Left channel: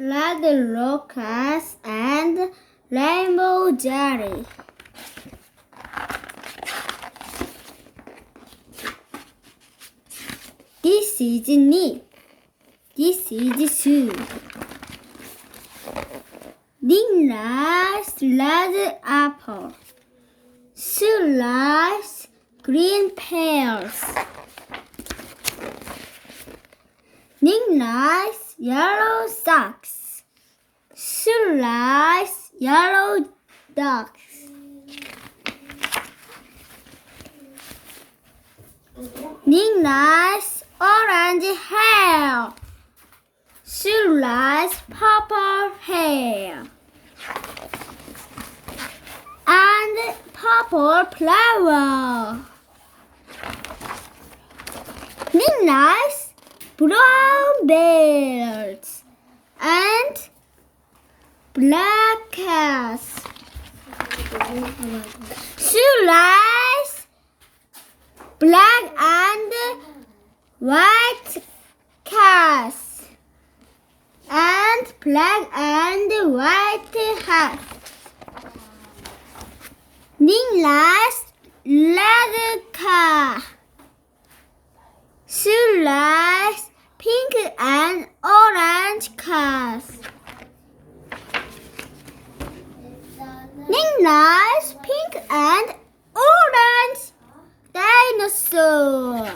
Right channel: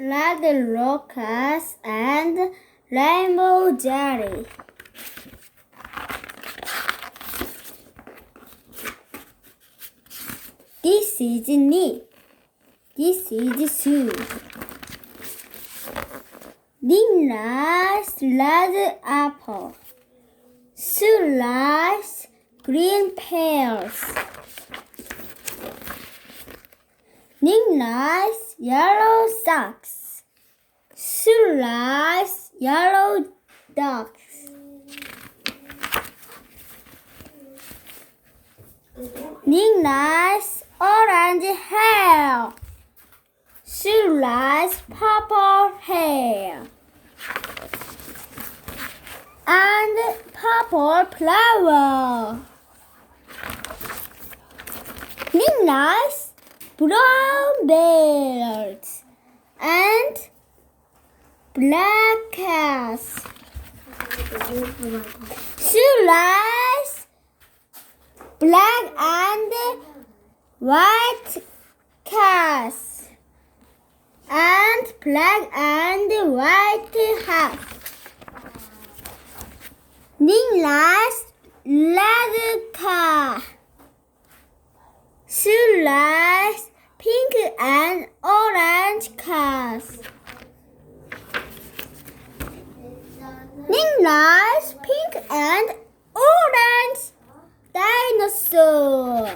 red rockets, and rainbow jelly. This is me. This is Sue. Ning likes red apple. Sue likes green pears. Ning likes yellow socks. Sue likes yellow ducks. Ning likes orange hair. Sue likes purple hair and purple flower. Ning likes brown birds and black cats. Sue likes black and white cats and black and white hat. Ning likes red car. Sue likes pink and orange cars. Ning likes pink and orange dinosaur.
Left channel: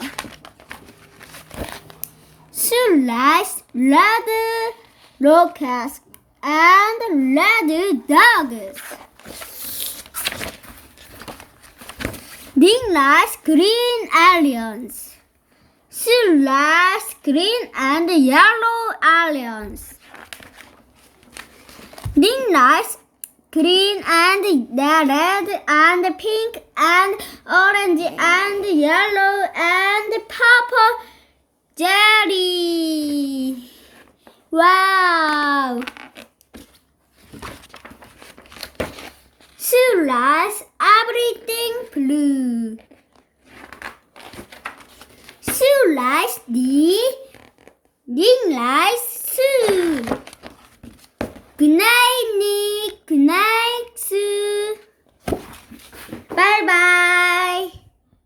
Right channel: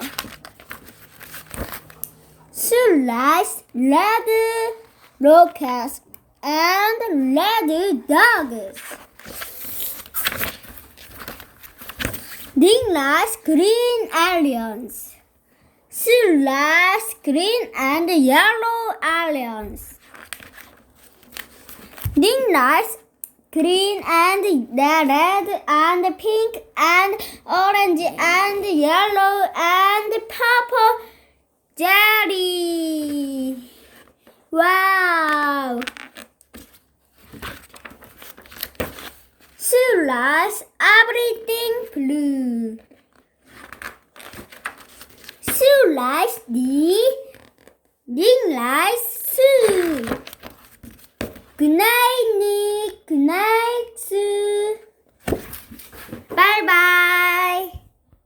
Sue likes red rockets and red dogs. Ning likes green aliens. Sue likes green and yellow aliens. Ning likes green and red and pink and orange and yellow and purple jelly. Wow! Sue likes everything blue. Sue likes D. Ning likes Sue. Good night, Nick. Good night, Sue. Bye-bye.